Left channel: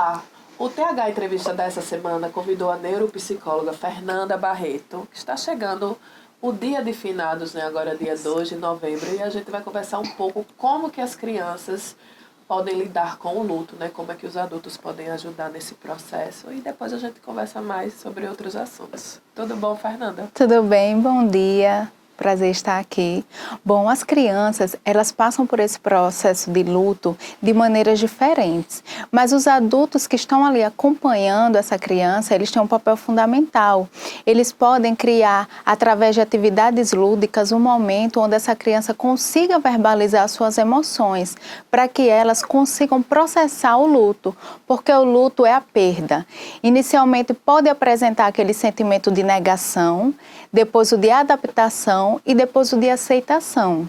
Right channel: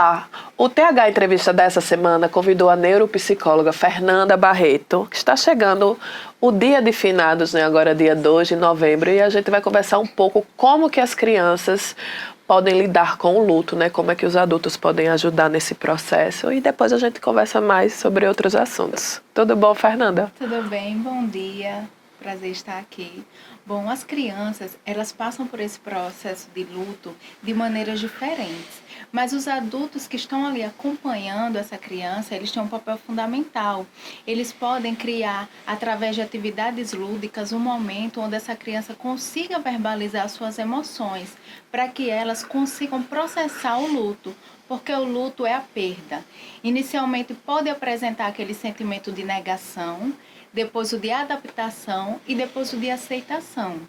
Olá! O TH Entrevista dessa semana convidou a neuropsicóloga Fernanda Barreto, que está chegando o dia de finados, né? Agora dia 2 de novembro, e a gente vai conversar um pouco como que as crianças podem lidar com o luto, né? Como é que os adultos podem ajudar nesse processo, e depois a gente conversa mais sobre outros assuntos. Tudo bom, Fernanda? Tudo bem, bom dia. Prazer estar aqui. Bom, as crianças, elas passam por esse processo de luto de maneiras diferentes, mas os adultos que estão ali acompanhando essa criança, eles têm um papel fundamental. Eles podem criar, através de atividades lúdicas, um momento onde essa criança consiga verbalizar suas emoções, para que elas consigam processar o luto, porque o luto é a perda. Inicialmente pode apresentar aquele sentimento de negação, depois o de adaptação e depois o de aceitação.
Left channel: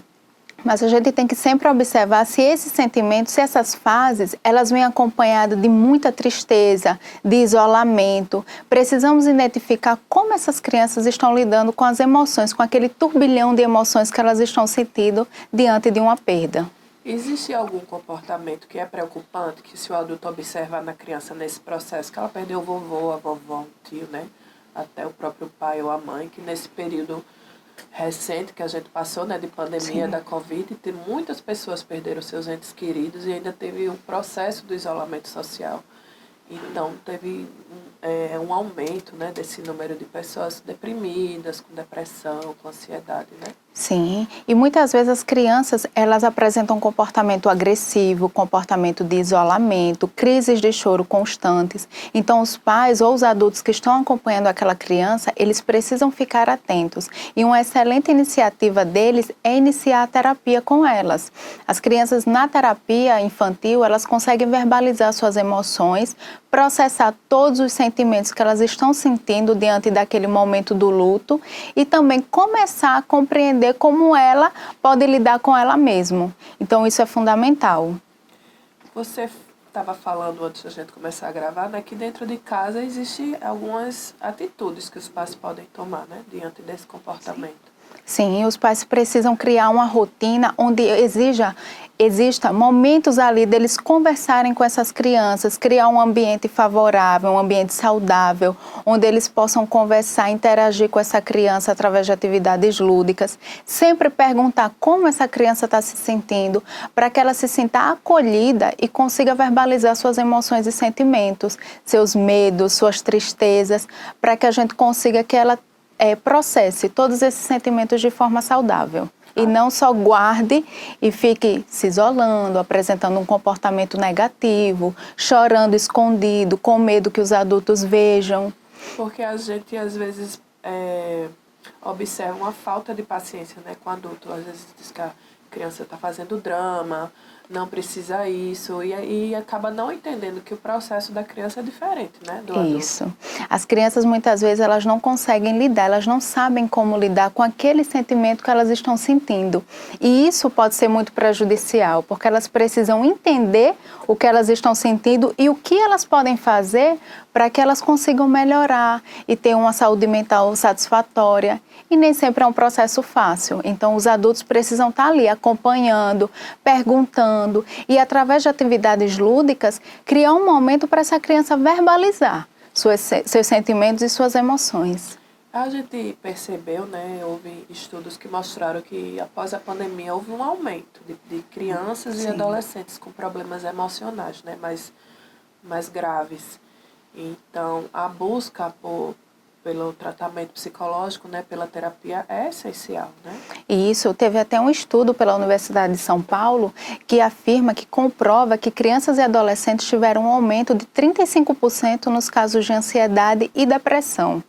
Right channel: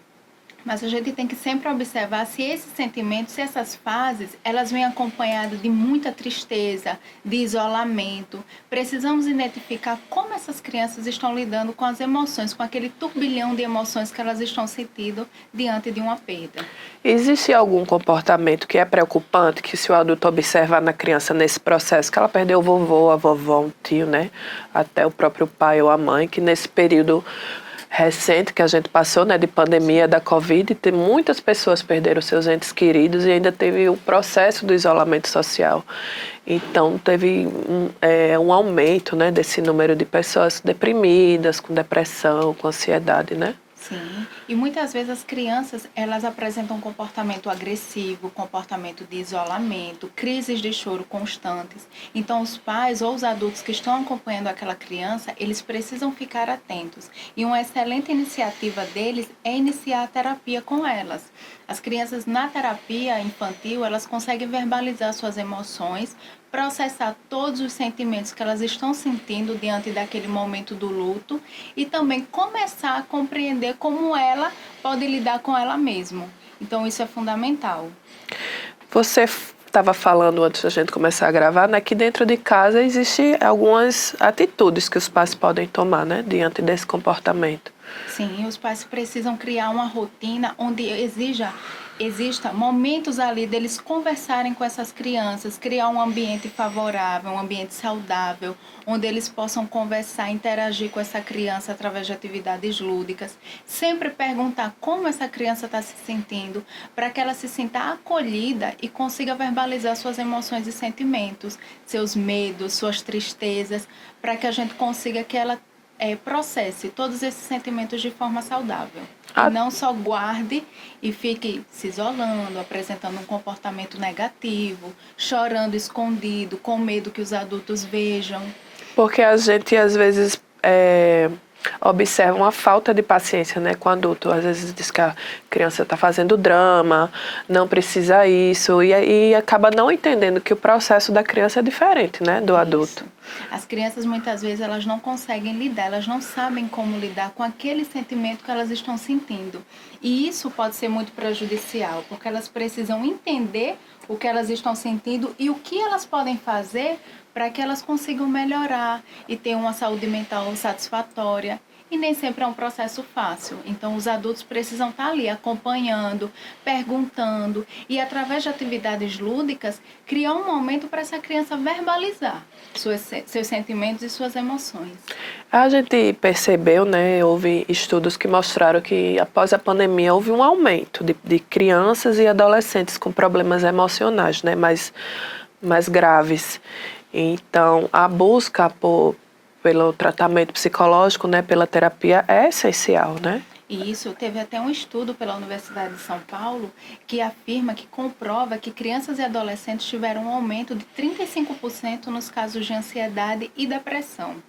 Mas a gente tem que sempre observar se esses sentimentos, se essas fases, elas vêm acompanhadas de muita tristeza, de isolamento. Precisamos identificar como essas crianças estão lidando com as emoções, com aquele turbilhão de emoções que elas estão sentindo diante de uma perda. Existe algum comportamento que é preocupante, que se o adulto observar na criança nesse processo, que ela perdeu o vovô, a vovó, um tio, né? Até o próprio pai ou a mãe, que nesse período recente que a gente passou, né, de pandemia, da Covid, tem muitas pessoas perderam seus entes queridos e ainda teve o processo do isolamento social. Então, teve um aumento, né, desse número de pessoas deprimidas, com depressão, com ansiedade, né? Sim, e muitas vezes as crianças, elas apresentam comportamento agressivo, comportamento de isolamento, crises de choro constantes. Então, os pais ou os adultos que estão acompanhando aquela criança, eles precisam ficar atentos. E uma excelente iniciativa deles é iniciar a terapia com elas. As crianças na terapia infantil, elas conseguem verbalizar suas emoções, processar todos os sentimentos que elas estão sentindo diante daquele momento do luto e também começar a compreender como ela pode lidar com ela mesma. Então, isso é fundamental. Você estava falando antes da gente começar a gravar, né, que dentro de casa existem algumas atitudes que os pais podem tomar, né, diante desse comportamento. Sim, os pais precisam criar uma rotina onde exista momentos ali deles conversarem com essas crianças, criar um ambiente favorável, um ambiente saudável, onde eles possam conversar, interagir com essa criança através de atividades lúdicas. Sempre perguntar como essa criança está se sentindo, para que ela se sinta acolhida e consiga verbalizar suas emoções e sentimentos, seus medos, suas tristezas, para que a gente consiga que ela processe todos esses sentimentos de forma saudável. E não só guarde e fique se isolando, apresentando um comportamento negativo, chorando escondido, com medo que os adultos vejam. Porque a gente, às vezes, observa uma falta de paciência, né, com o adulto. Às vezes diz que a criança está fazendo drama, não precisa isso, e acaba não entendendo que o processo da criança é diferente, né, do adulto. Isso. As crianças, muitas vezes, elas não conseguem lidar, elas não sabem como lidar com aquele sentimento que elas estão sentindo. E isso pode ser muito prejudicial, porque elas precisam entender o que elas estão sentindo e o que elas podem fazer para que elas consigam melhorar e ter uma saúde mental satisfatória. E nem sempre é um processo fácil. Então, os adultos precisam estar ali acompanhando, perguntando e, através de atividades lúdicas, criar um momento para essa criança verbalizar seus sentimentos e suas emoções. A gente percebeu, né, houve estudos que mostraram que após a pandemia houve um aumento de crianças e adolescentes com problemas emocionais, né, mais graves. Então, a busca pelo tratamento psicológico, né, pela terapia é essencial, né? E isso, teve até um estudo pela Universidade de São Paulo que afirma, que comprova que crianças e adolescentes tiveram um aumento de 35% nos casos de ansiedade e depressão.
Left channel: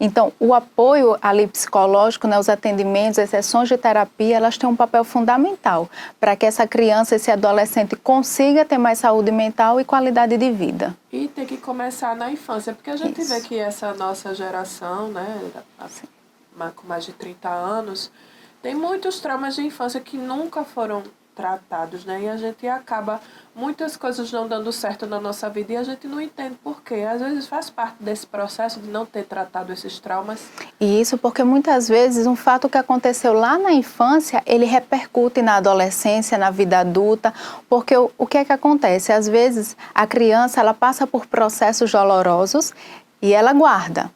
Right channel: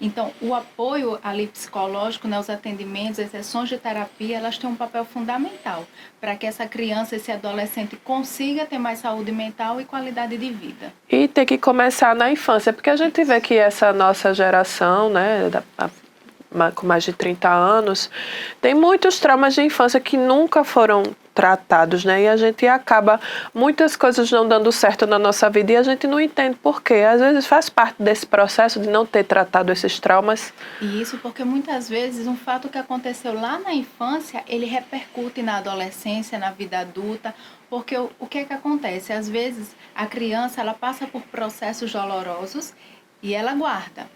Então, o apoio ali psicológico, né, os atendimentos, as sessões de terapia, elas têm um papel fundamental para que essa criança, esse adolescente consiga ter mais saúde mental e qualidade de vida. E tem que começar na infância, porque a gente vê que essa nossa geração, né, com mais de 30 anos, tem muitos traumas de infância que nunca foram tratados, né? E a gente acaba muitas coisas não dando certo na nossa vida e a gente não entende por quê. Às vezes faz parte desse processo de não ter tratado esses traumas. E isso porque muitas vezes um fato que aconteceu lá na infância, ele repercute na adolescência, na vida adulta, porque o que é que acontece? Às vezes a criança ela passa por processos dolorosos e ela guarda.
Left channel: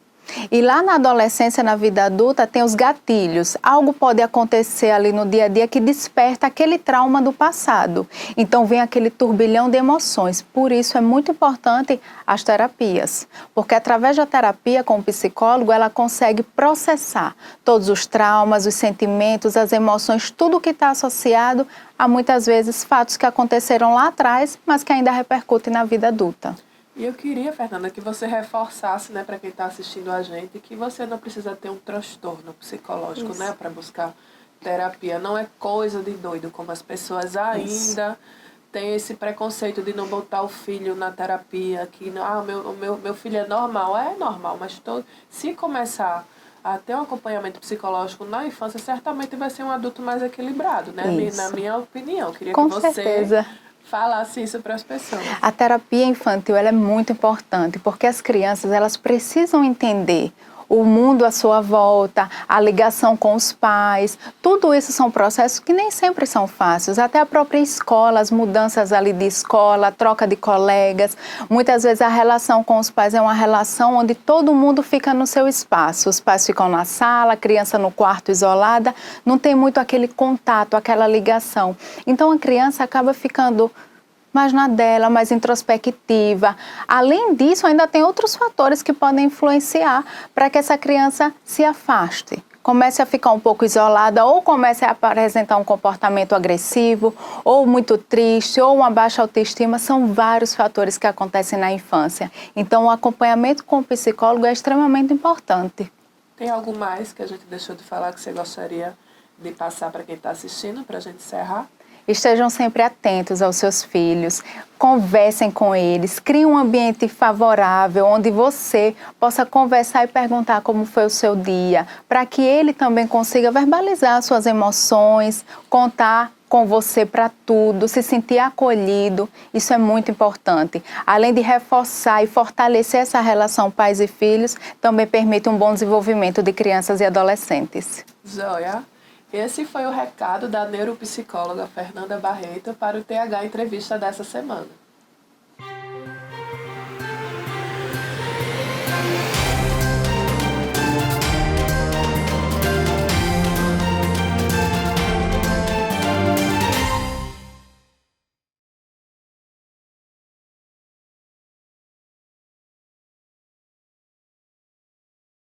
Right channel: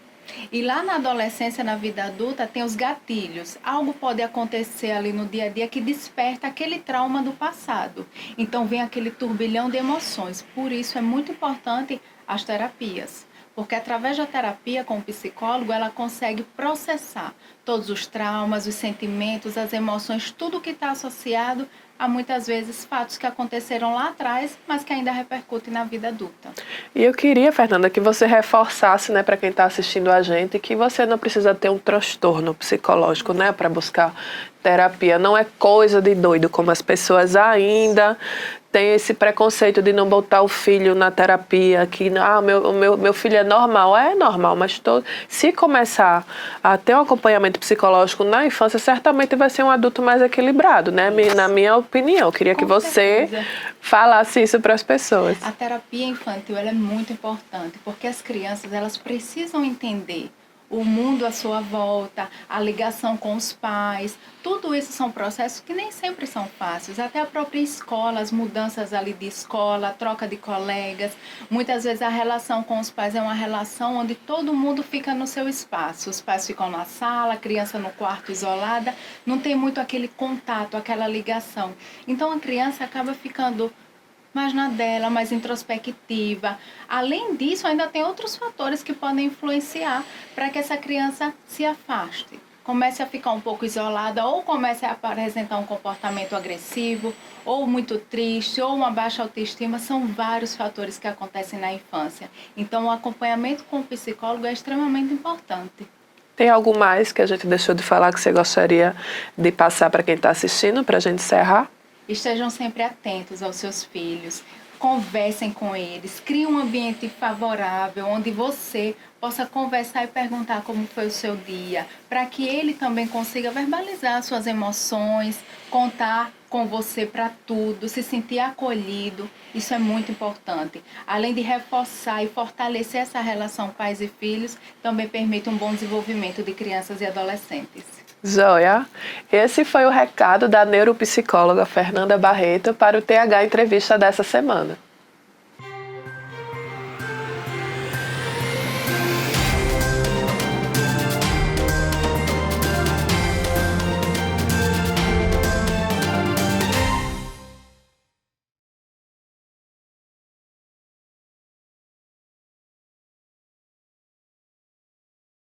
E lá na adolescência, na vida adulta, tem os gatilhos. Algo pode acontecer ali no dia a dia que desperta aquele trauma do passado. Então vem aquele turbilhão de emoções. Por isso é muito importante as terapias. Porque através da terapia com o psicólogo, ela consegue processar todos os traumas, os sentimentos, as emoções, tudo que está associado a muitas vezes fatos que aconteceram lá atrás, mas que ainda repercutem na vida adulta. E eu queria, Fernanda, que você reforçasse, né, para quem está assistindo a gente, que você não precisa ter um transtorno psicológico, né, para buscar terapia. Não é coisa de doido, como as pessoas ainda têm esse preconceito de não botar o filho na terapia, que meu filho é normal. É normal, mas se começar a ter um acompanhamento psicológico na infância, certamente vai ser um adulto mais equilibrado, né? Na minha opinião. Eu queria que você falasse isso para as pessoas. A terapia infantil ela é muito importante, porque as crianças elas precisam entender o mundo à sua volta, a ligação com os pais, tudo isso são processos que nem sempre são fáceis. Até a própria escola, as mudanças ali de escola, a troca de colegas. Muitas vezes a relação com os pais é uma relação onde todo mundo fica no seu espaço. Os pais ficam na sala, a criança no quarto isolada, não tem muito aquele contato, aquela ligação. Então a criança acaba ficando mais na dela, mais introspectiva. Além disso, ainda tem outros fatores que podem influenciar para que essa criança se afaste. Comece a ficar um pouco isolada ou comece a apresentar um comportamento agressivo, ou muito triste, ou uma baixa autoestima. São vários fatores que acontecem na infância. Então, o acompanhamento com o psicólogo é extremamente importante. Tem algo mais que a gente deixou de falar que você gostaria de passar para quem está assistindo, para a gente encerrar? Estejam sempre atentos aos seus filhos, conversem com eles, criem um ambiente favorável, onde você possa conversar e perguntar como foi o seu dia, para que ele também consiga verbalizar suas emoções, contar com você para tudo, se sentir acolhido, isso é muito importante. Além de reforçar e fortalecer essa relação pais e filhos, também permite um bom desenvolvimento de crianças e adolescentes. Joia, esse foi o recado da neuropsicóloga Fernanda Barreto para o TH Entrevista dessa semana.